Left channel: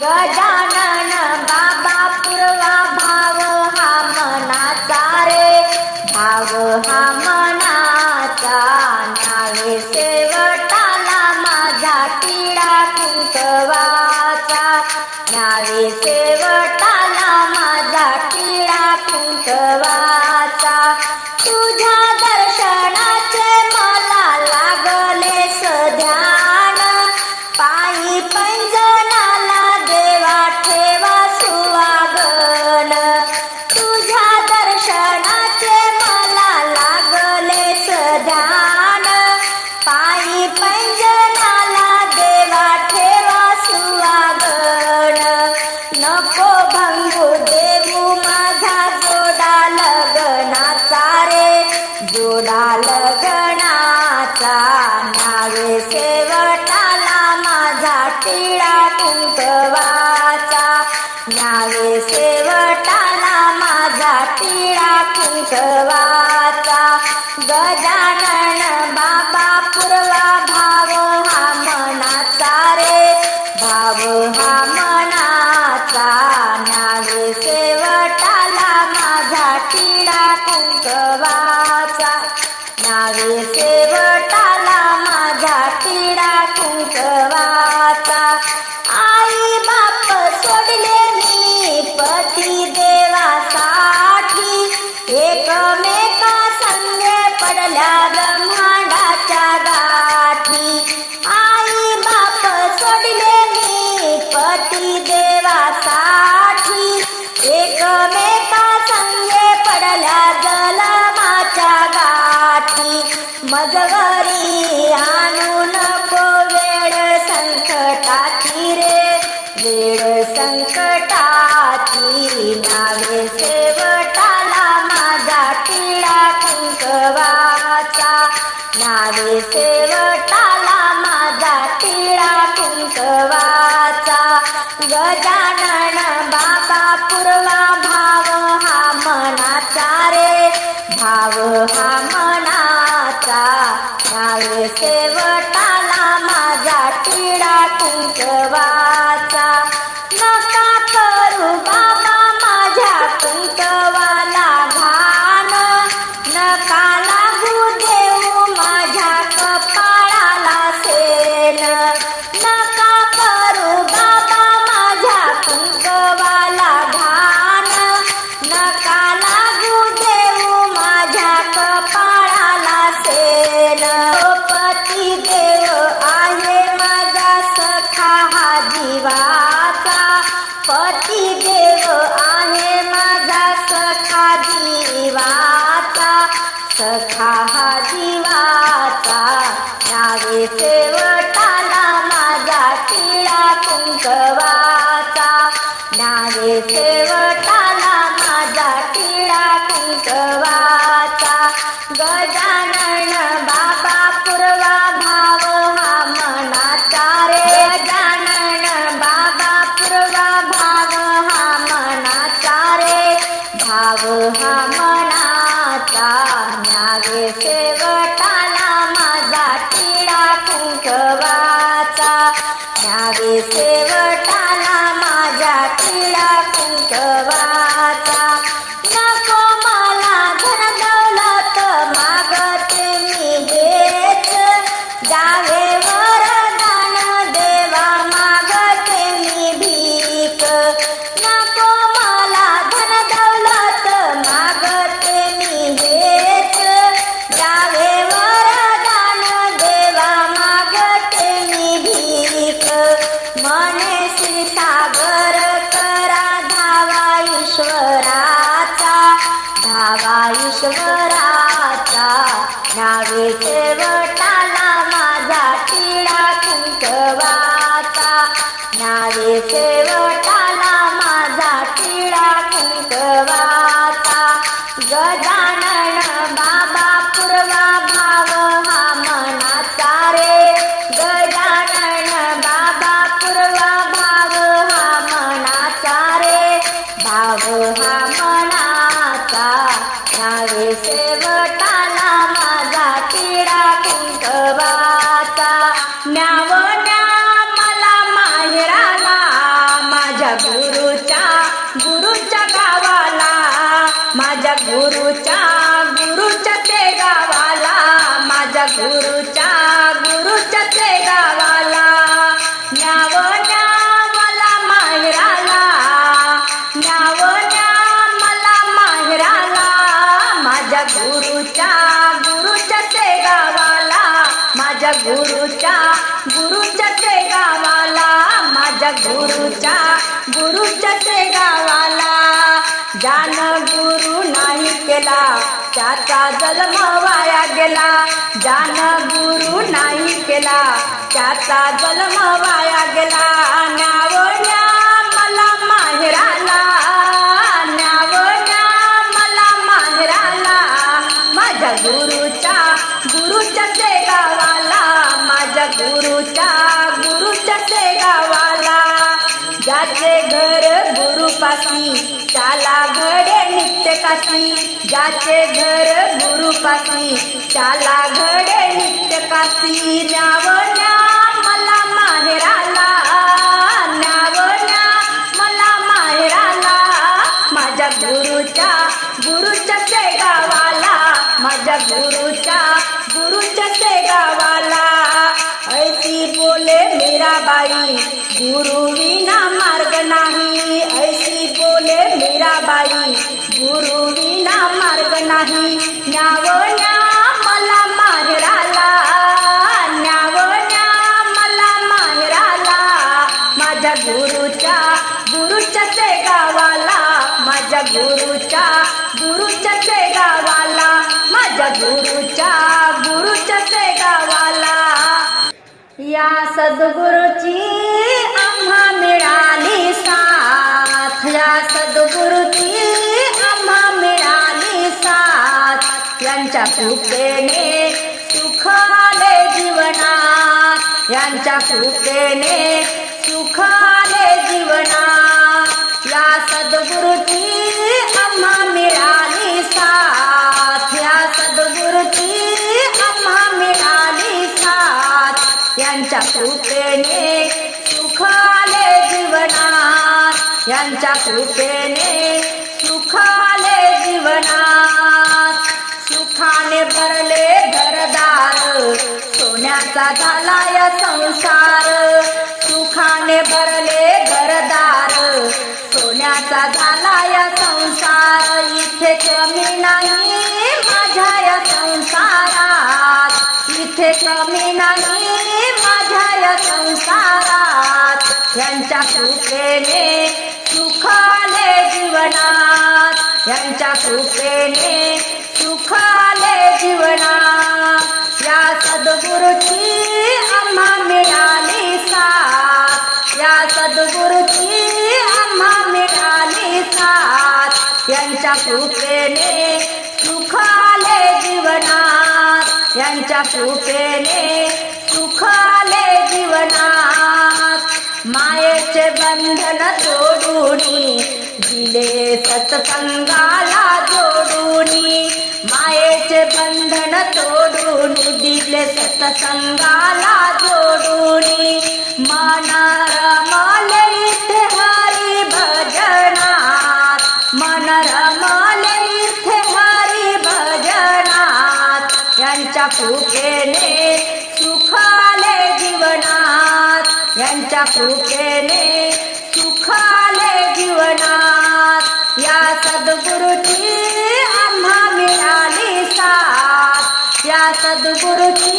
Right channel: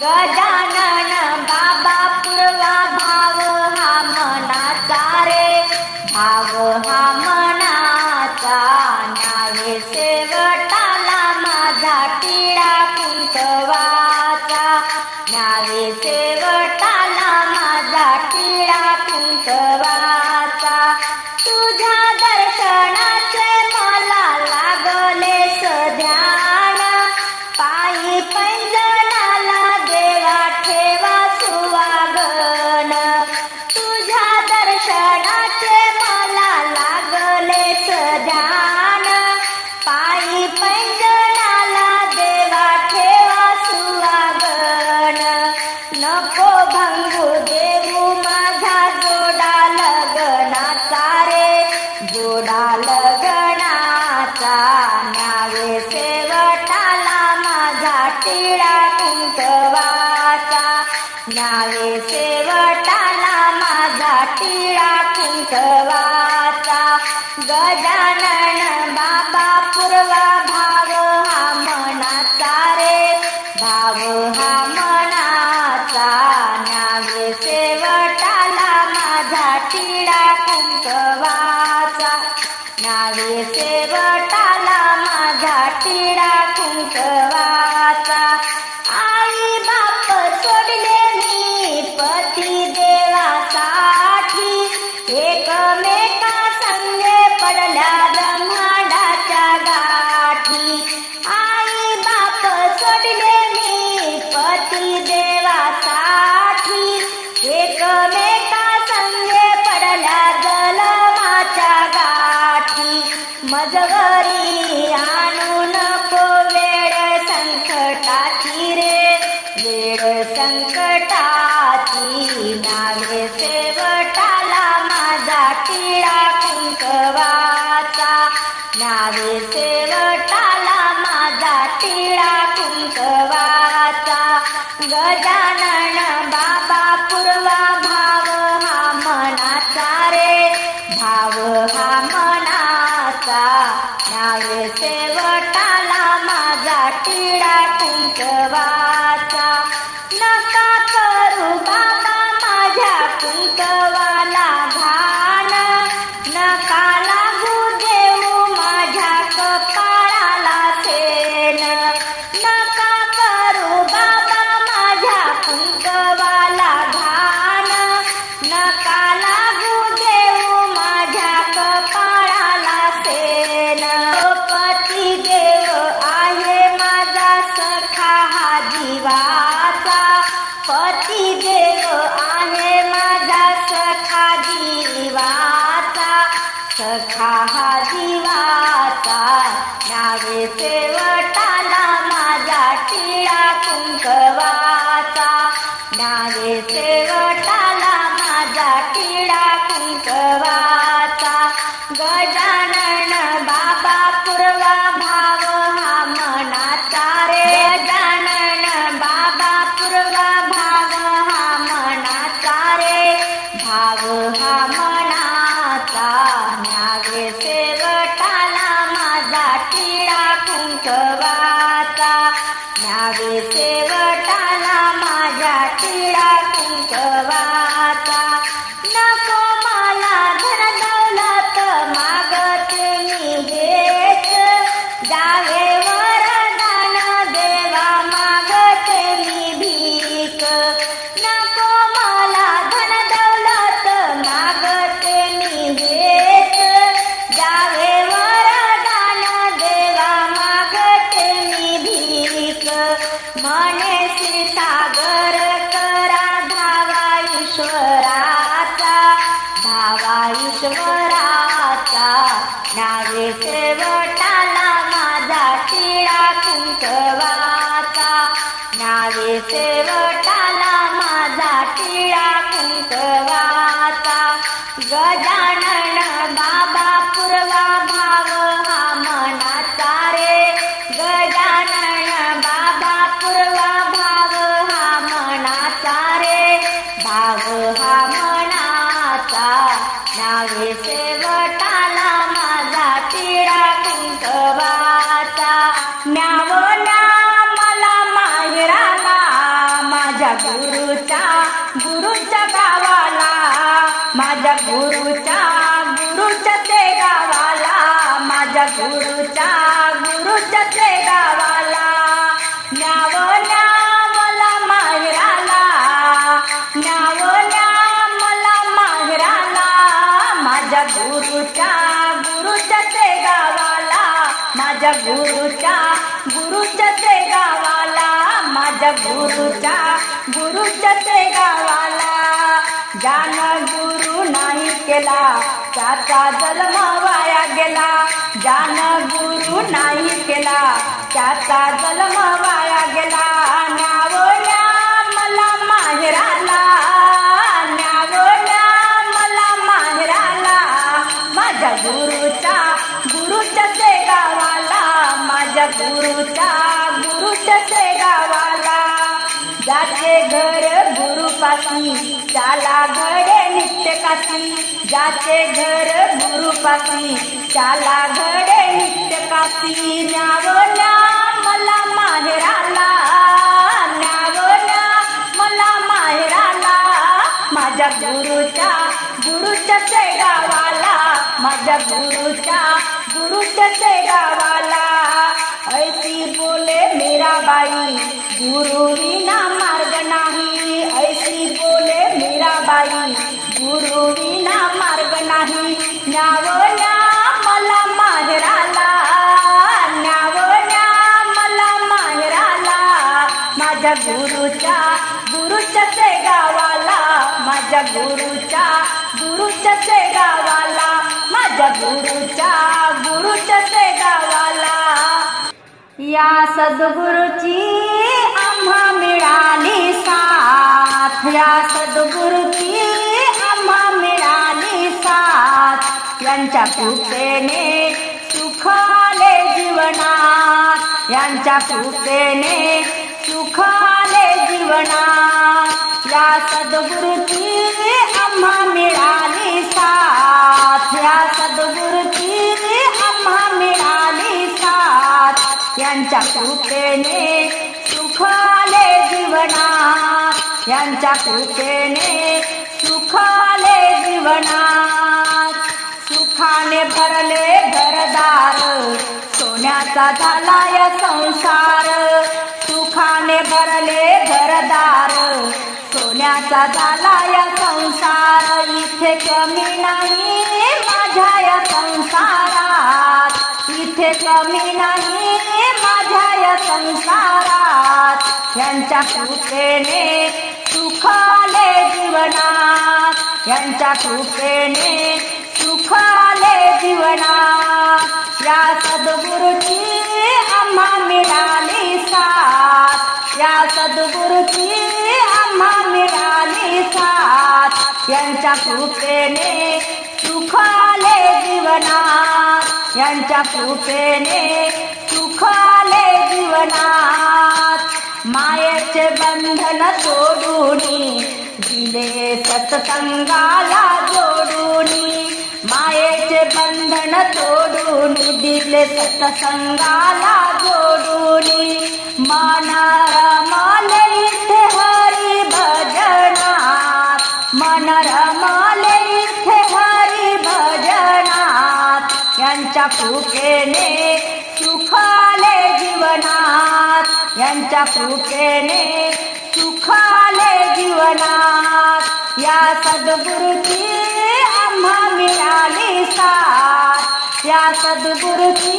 गजानन डाला जगरी आणू नको वेळ संकटाची रे. वेळ संकटाची नावे सेवटाला माझा तिळा कुंकवाचा. नावे सेवटाला माझा तिळा कुंकवाचा. गजानन बाबा पूर्वा भाव हा मनाचा रे. भाव हा शेवटाला माझा किडा कुंकवा care ईश्वराचा नावे सेवटाला माझा टिळा कुंकवाचा नावे सेव गुरुच्या ते गावाला न्याव न्या मला माहेराला. न्याव ना मला माहेराला. माझ्या गुरुच्या गुरुच्या ते गावाला माझ्या गुरुच्या गुरुच्या ते गावाला माझ्या गुरुच्या गुरुच्या ते गावाला जान गुरु नाही केला त्याचा जन्म वाया गेला. जान गुरु नाही केला त्याचा जन्म वाया गेला. न्याव मला माहेराला न्याव मला माहेराला. माझ्या गुरुच्या गुरुच्या ते गावाला माझ्या गुरुचा गुरुच्या माझे घर गुरुपासी त्याला घडे नित्य काशी जाचे घर गुरुपासी त्याला घडे नित्य काशी न्यावल्या मला माहेराला. न्यावल्या मला माहेराला. माझ्या गुरुच्या गुरुच्या गावाला माझ्या गुरुच्या गुरुच्या ते गावाला बोले मेरा बाई गुरु विना मार्ग नाही. ऐसी बोले मेरा बाई गुरु विना मार्ग नाही. न्यावल्या मला माहेराला न्यावल्या मला माहेराला. माझ्या गुरुच्या गुरुच्या ते गावाला माझ्या गुरुच्या गुरुच्या ते गावाला माझ्या गुरुच्या गुरुच्या ते गावाला या सद्गुरुची आम्हा मिळाली साथ. या सद्गुरुची आम्हा मिळाली साथ. यांच्या कृपेने सुख आले जीवनात. यांच्या कृपेने सुख आले जीवनात. या सद्गुरुची आम्हा मिळाली साथ. या सद्गुरुची यांच्या कृपेने सुखाले जीवनात. यांच्या कृपेने सुखाले जीवनात. सुखाने भरले घरदार सोन्याचा झाला या संसार. सुखाने भरले घरदार सोन्याचा झाला या संसार. इथे कमी नाही माझ्या या संसारात. इथे कमी नाही संसारात यांच्या कृपेने सुखाले जीवनात यांच्या कृपेने सुखाले जीवनात. या सद्गुरुची आम्हा मिळाली साथ या सद्गुरुची आम्हा मिळाली साथ यांच्या कृपेने सुखाले जीवनात. यांच्या कृपेने सुखाले जीवनात मायेचे बंधन तोडूनी दिले सत्संगाला जोडून मायेचे बंधन तोडून दिले सत्संगाला जोडून मानारा कृपेने सुख आले जीवनात यांच्या कृपेने सुख आले जीवनात. या सद्गुरुची आम्हा मिळाली साथ या सद्गुरुची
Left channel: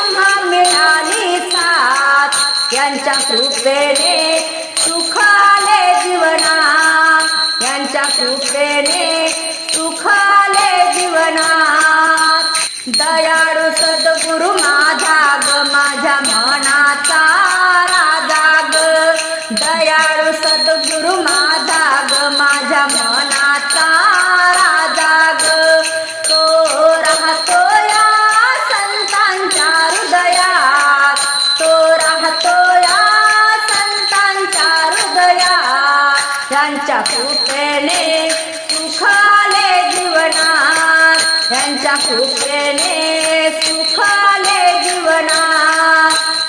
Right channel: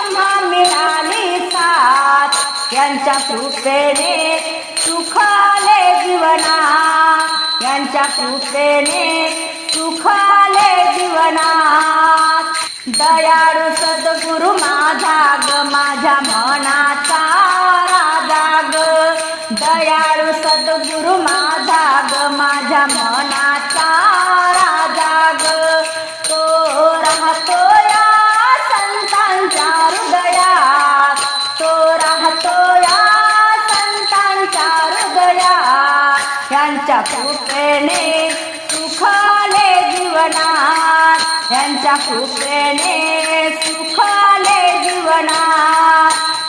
आम्हा मिळाली साथ. यांच्या कृपेने सुख आले जीवनात यांच्या कृपेने सुख आले जीवनात. दयाळू सद्गुरु माझा ग माझ्या मनाचा राजा ग. दयाळू सद्गुरु माझा ग माझ्या मनाचा राजा ग. तो राहतो या संतांच्या हृदयात. तो राहतो या संतांच्या हृदयात. यांच्या कृपेने त्यांच्या यांच्या कृपेने सुख आले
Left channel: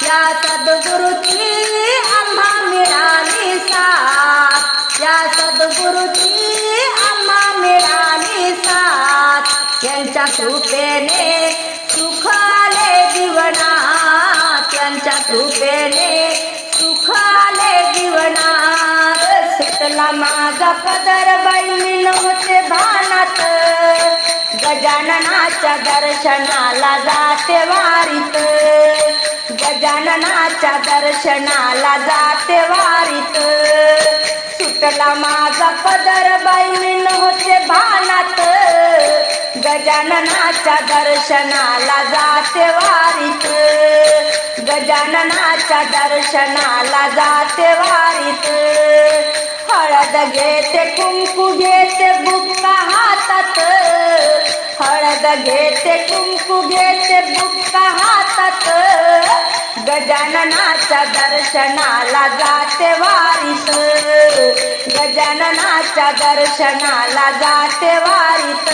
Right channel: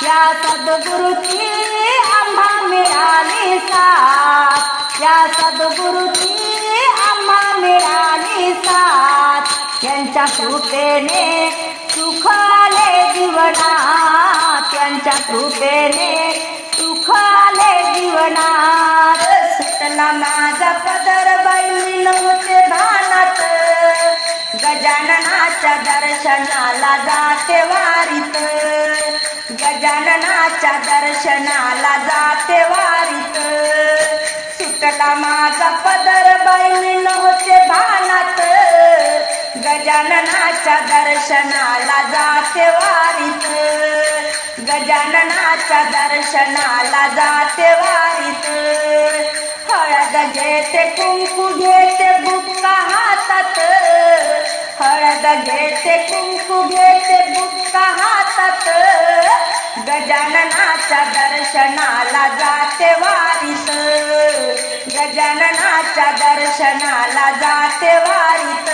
या सद्गुरुची आम्हा मिळाली सा या सद्गुरुची आम्हा मिळाली साथ। त्यांच्या कृपेने सुखाले जीवना। त्यांच्या कृपेने सुखाले जीवना। घेतला माझा पदर बाई नव्हते भानात. गजाननाच्या दर्शनाला जाते वारीत. गजाननाच्या दर्शनाला जाते वारीत. सुटला माझा पदर बाई नव्हते भानात. गजाननाच्या दर्शनाला जाते वारीत. गजाननाच्या दर्शनाला जाते वारीत. हळद घेते कुंकू घेते बुक्का हातात. हळद घेते कुंकू घेते बुक्का हातात. गजाननाच्या दर्शनाला जाते वारीत. गजाननाच्या दर्शनाला जाते वारीत.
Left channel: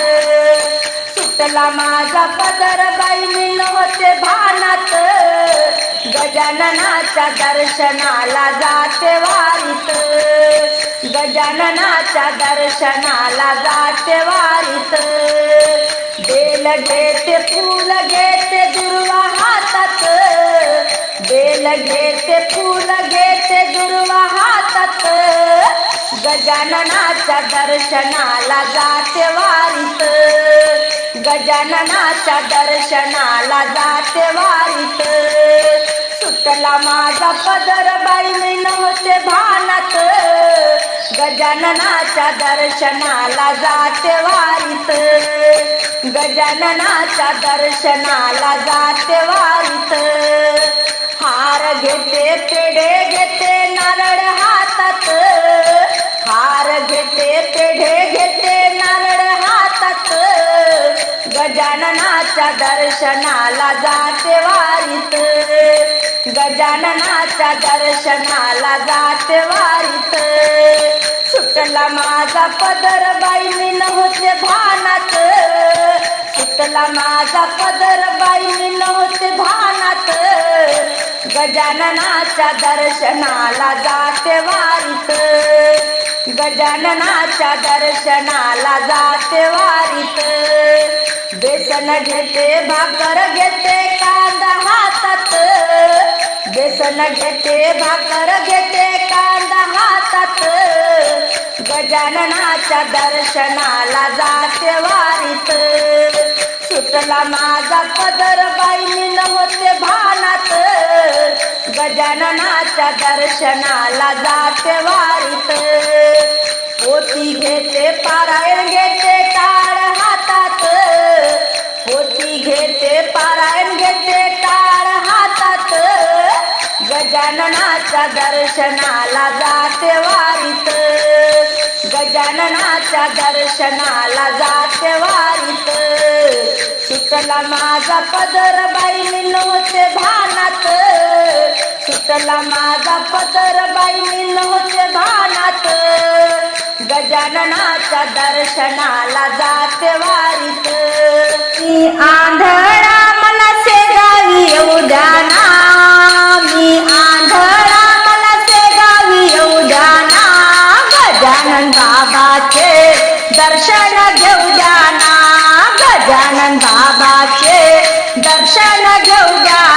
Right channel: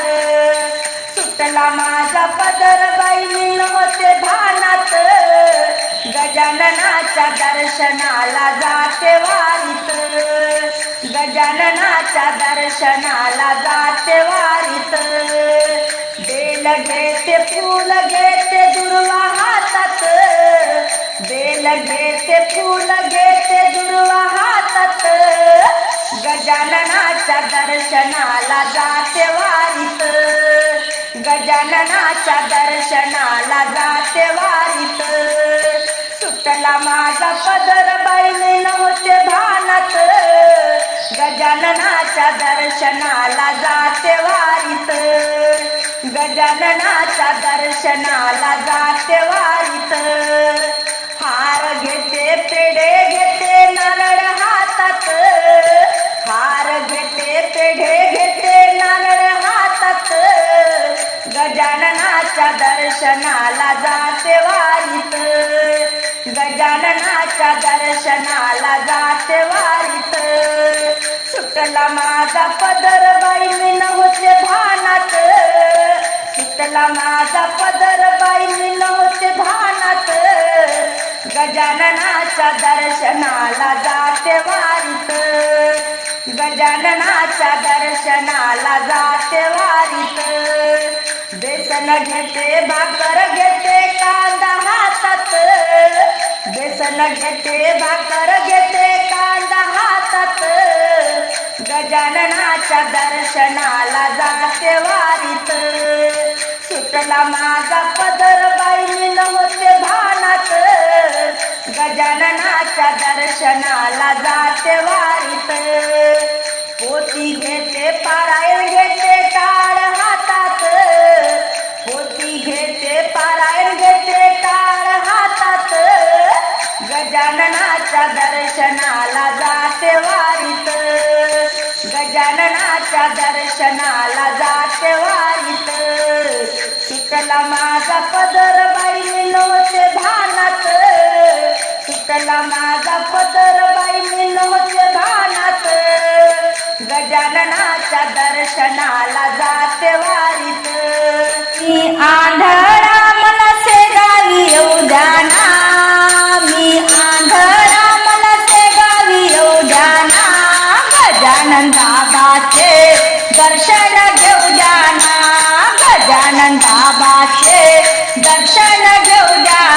सुटला माझा पदर बाई नव्हते भानात. गजाननाच्या दर्शनाला जाते वारीत. गजाननाच्या दर्शनाला जाते वारीत. बेल घेते फूल घेते दुर्वा हातात. बेल घेते फूल घेते दुर्वा हातात. गजाननाच्या दर्शनाला जाते वारीत. गजाननाच्या दर्शनाला जाते वारीत. सुटला माझा पदर बाई नव्हते भानत. गजाननाच्या दर्शनाला जाते वारीत. गजाननाच्या दर्शनाला जाते वारीत. हार घेते पेढे घेते नारळ हातात. हार घेते पेढे घेते नारळ हातात. गजानना गजाननाच्या दर्शनाला जाते वारीत. गजाननाच्या दर्शनाला जाते वारीत. सुटला माझा पदर बाईनी नव्हते भानात. सुटला माझा पदर बाईनी नव्हते भानात. गजाननाच्या दर्शनाला जाते वारीत. गजाननाच्या दर्शनाला जाते वारीत. बेसन घेते भाकर घेते कांदा हातात. बेसन घेते भाकर घेते कांदा हातात. गजाननाच्या दर्शनाला जाते वारीत. सुटला माझा पदर बाई होते भानात. गजाननाच्या दर्शनाला जाते वारीत. पोती घेते पारायण घेते टाळ हातात. पारायण घेतले टाळ हातात. गजाननाच्या दर्शनाला जाते वारीत. गजाननाच्या दर्शनाला जाते वारीत. शिकला माझा पदर बाई नव्हते भानात. सुटला माझा पदर बाई नव्हते भानात. गजाननाच्या दर्शनाला जाते वारीत. मी आंधळा मला शेगावी येऊ द्याना मी आंधळा मला शेगावी येऊ द्याना गजानन बाबाचे दर्शन घेऊ द्याना गजानन बाबाचे दर्शन घेऊ द्याना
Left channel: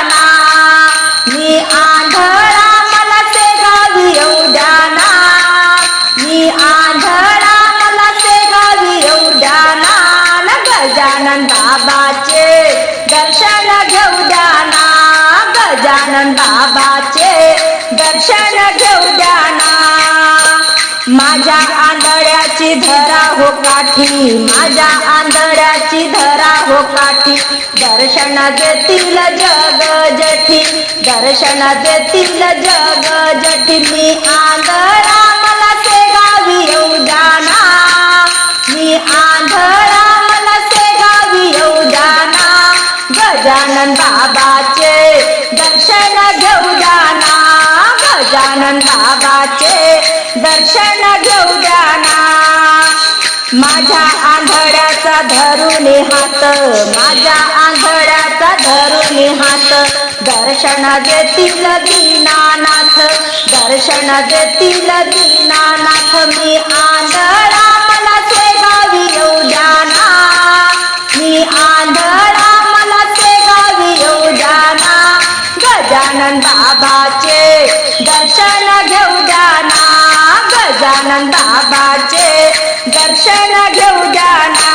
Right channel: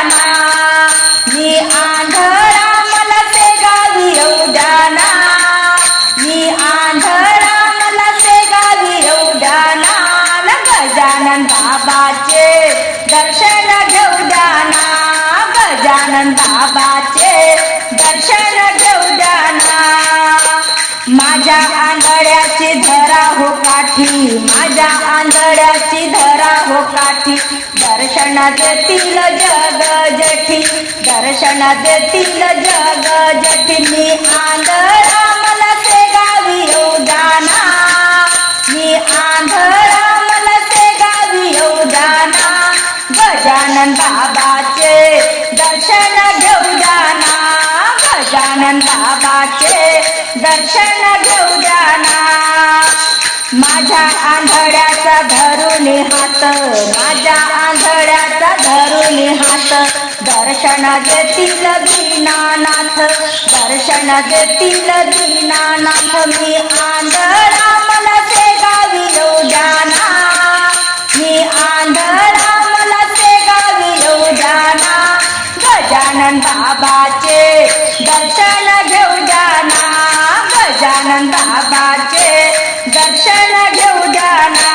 माझ्या आंधळ्याची धरा हो काठी माझ्या आंधळ्याची धरा हो काठी. दर्शन देतील जग जठी दर्शन देतील जग जठी. मी आंधळा मला शेगावी येऊ जाना. मी आंधळा मला शेगावी येऊ जाना. गजानन बाबा गजानन बाबाचे दर्शन घेऊ जाना माझ्या आंधळ्याचा धरून हात माझ्या आंधळ्याचा धरून हात. दर्शन देतील दीनानाथ दर्शन देतील दीनानाथ. मी आंधळा मला गावी येऊ जाना मी आंधळा मला गावी येऊ जाना गजानन बाबाचे दर्शन घेऊ जाना गजानन बाबाचे दर्शन घेऊ जाना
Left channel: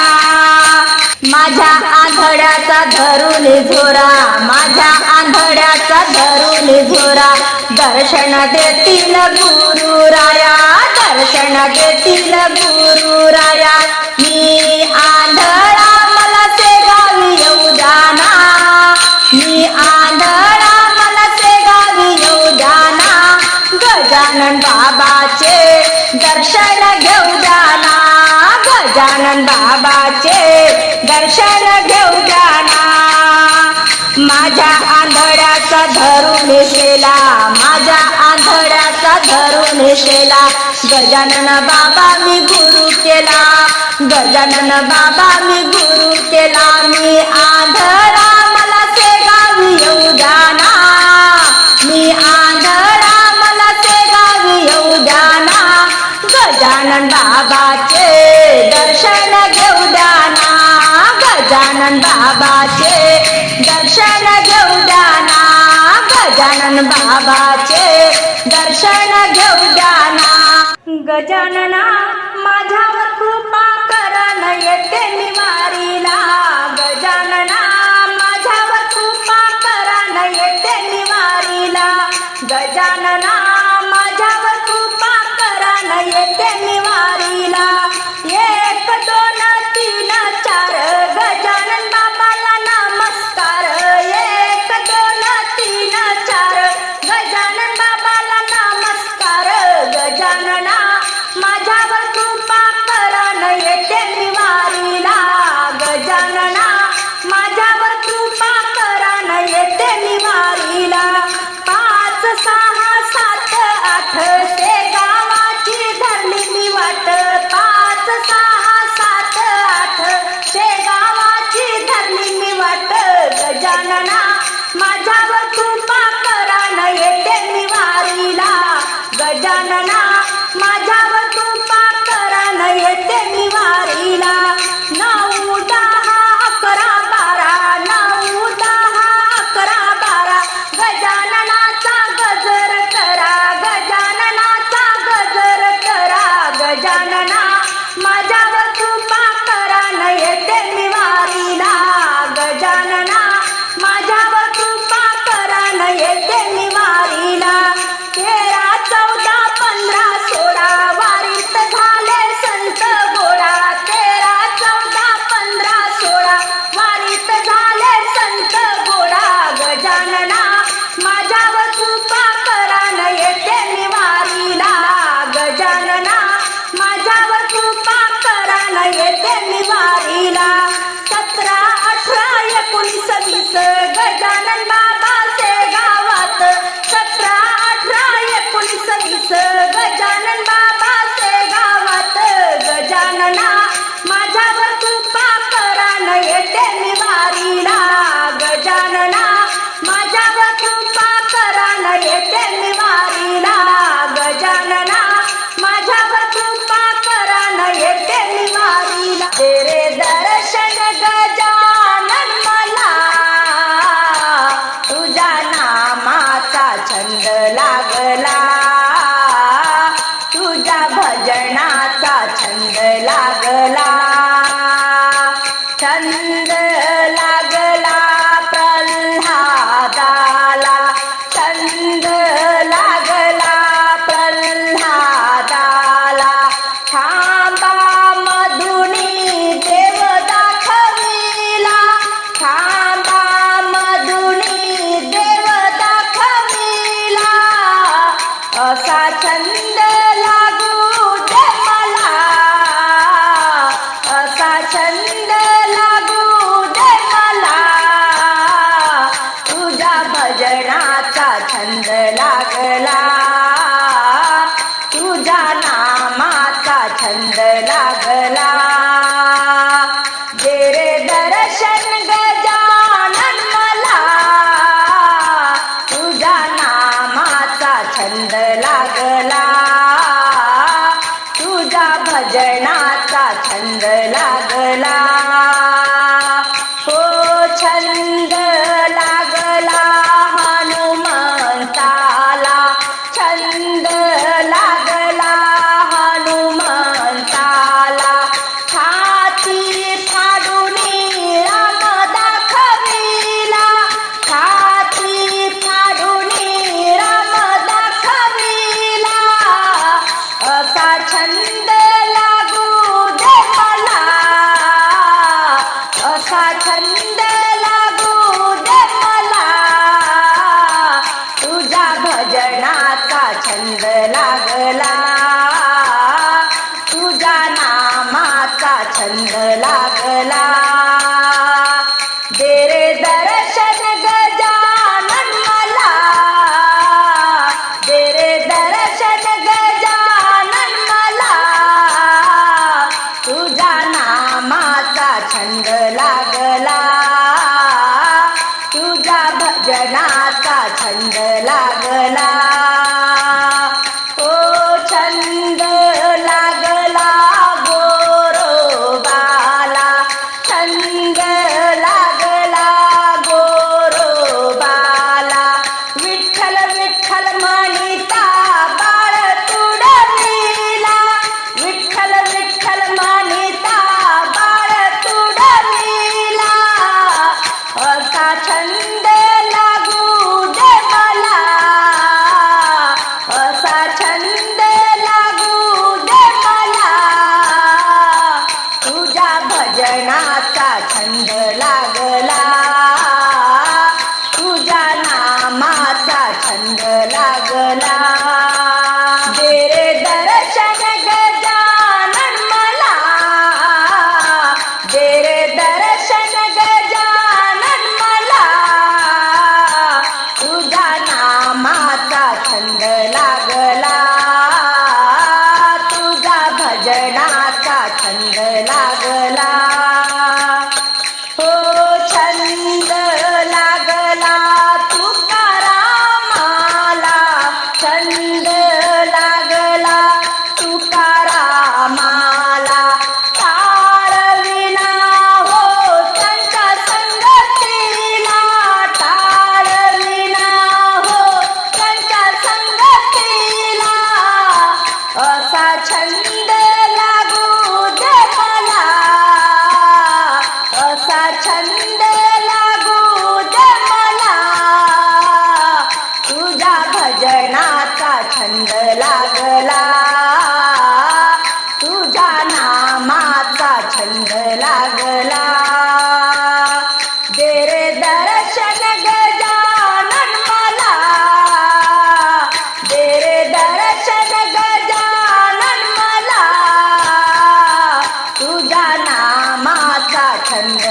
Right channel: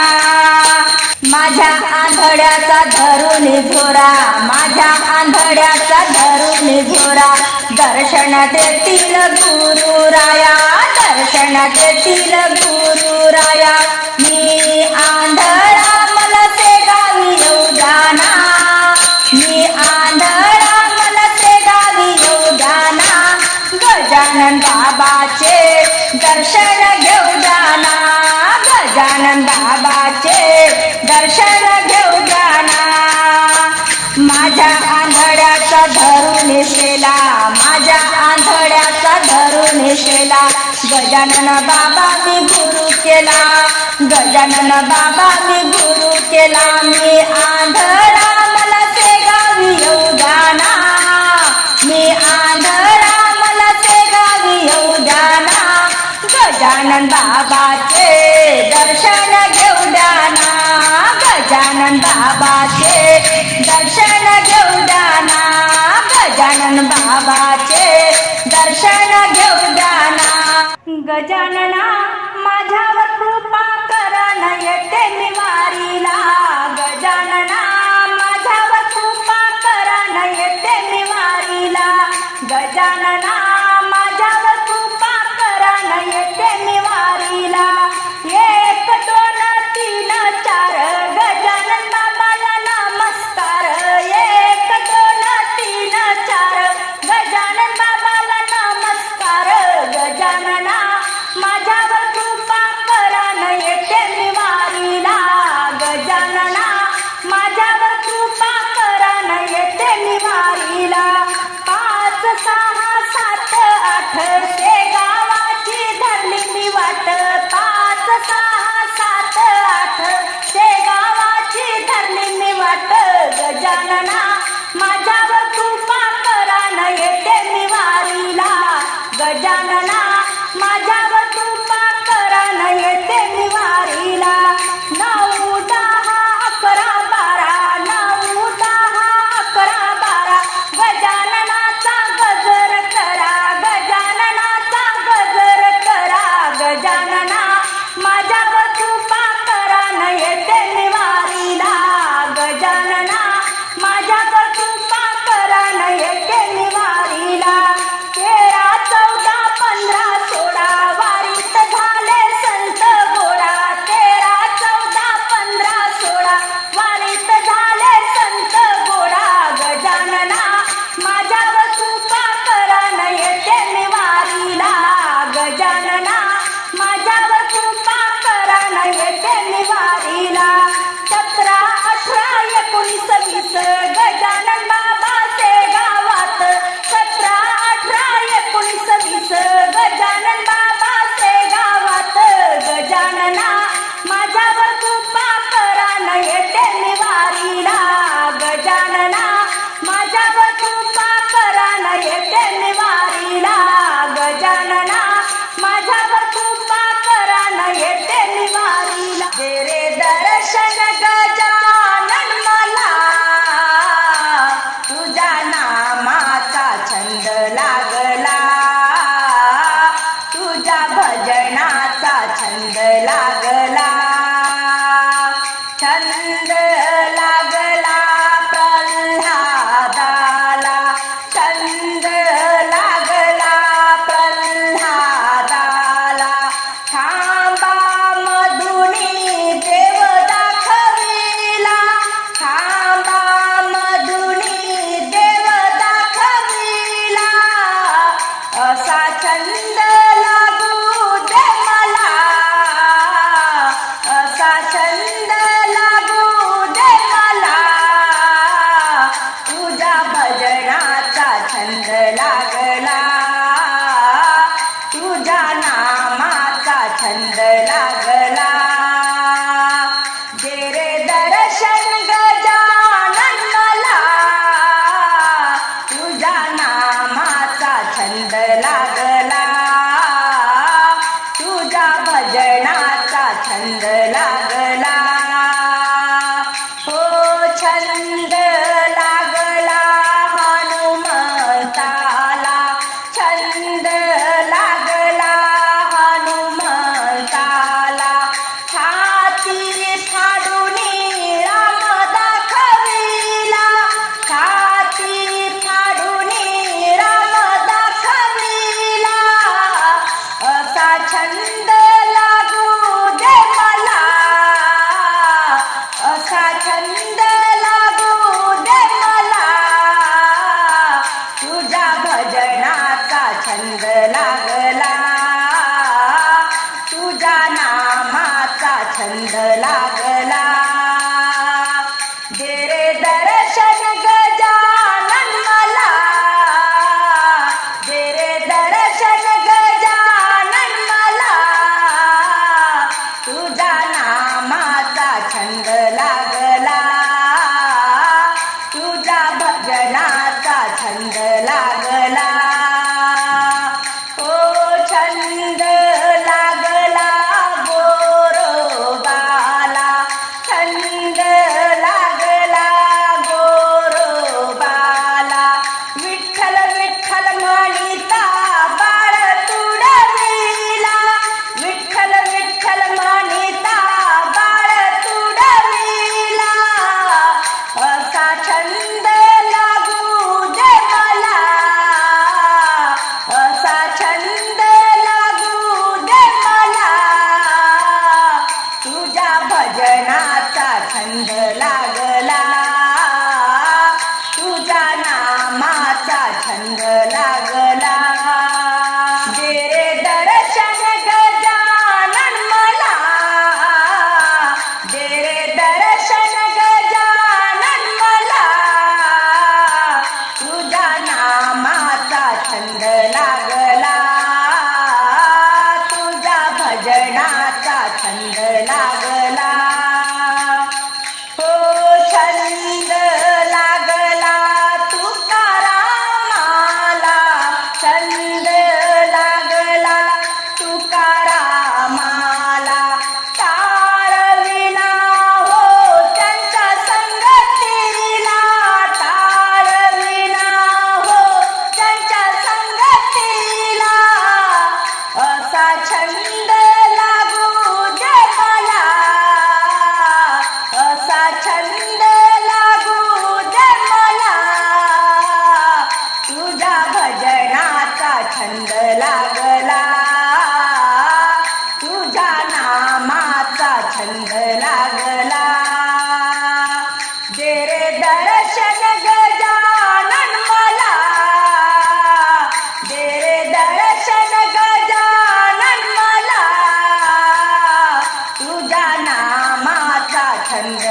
माझ्या आंधड्याचा धरून झोरा माझ्या आंधड्याचा धरून झोरा. दर्शन देतील गुरु राया दर्शन देतील गुरु गजानन बाबाचे दर्शन घेऊ जाना गजानन बाबाचे दर्शन घेऊ जाना माझ्या आंधळ्याचा धरून शेला माझ्या आंधळ्याचा धरून शेला गजानन बाबा मी गुरु केला गजानन बाबा मी गुरु केला. मी आंधळा गजानन बाबाचे दर्शन घेऊ जाना गजानन बाबाचे दर्शन घेऊ जाना गजानन बाबाचे दर्शन घेऊ जाना गजानना माझ्यावर कृपा करण येते निवारीला. गजानना माझ्यावर कृपा करण येते निवारीला. गजानना भजनाचा छंद लागला. लागला and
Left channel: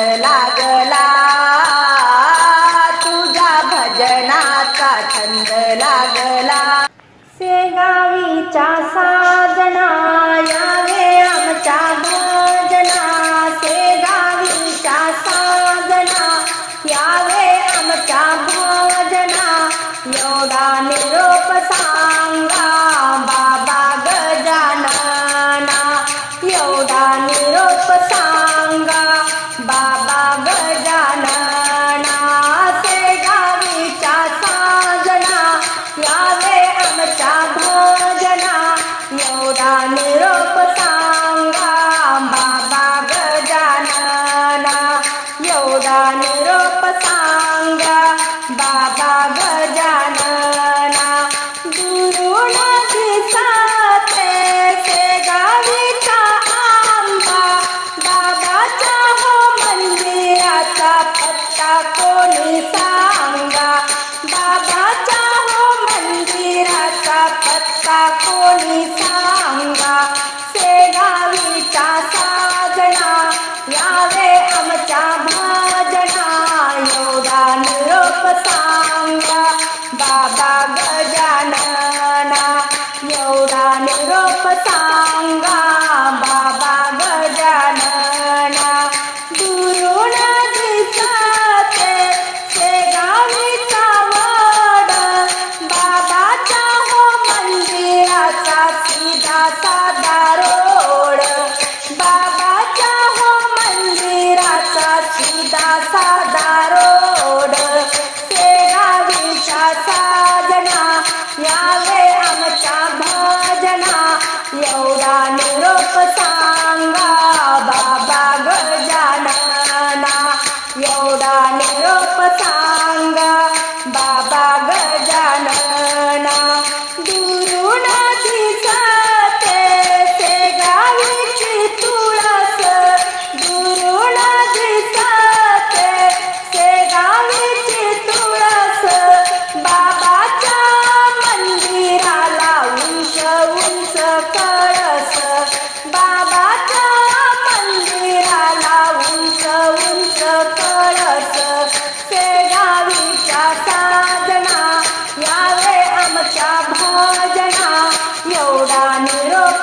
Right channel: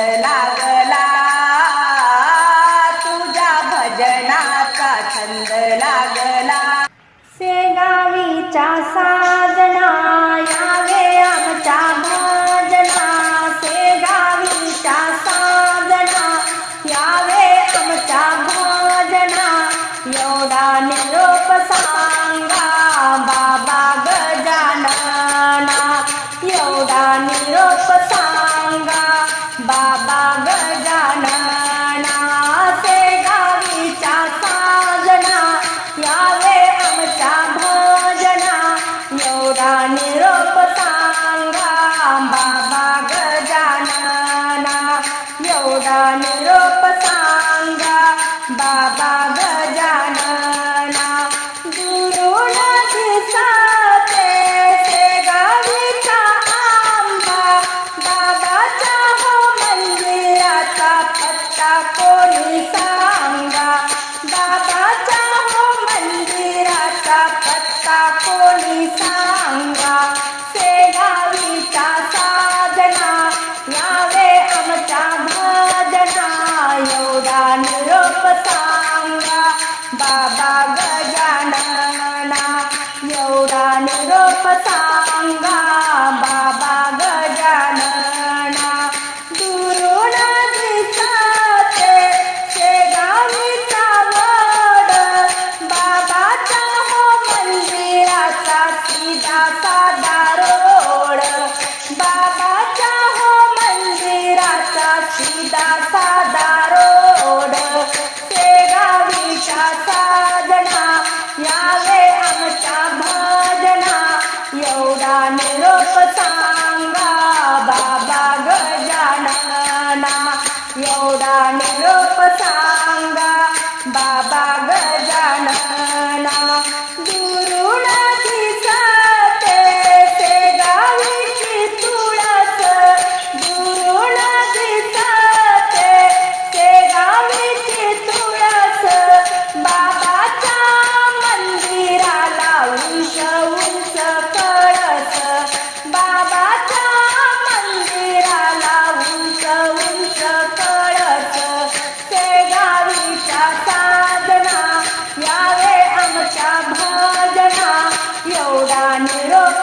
Stop.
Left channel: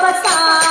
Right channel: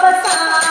我傻。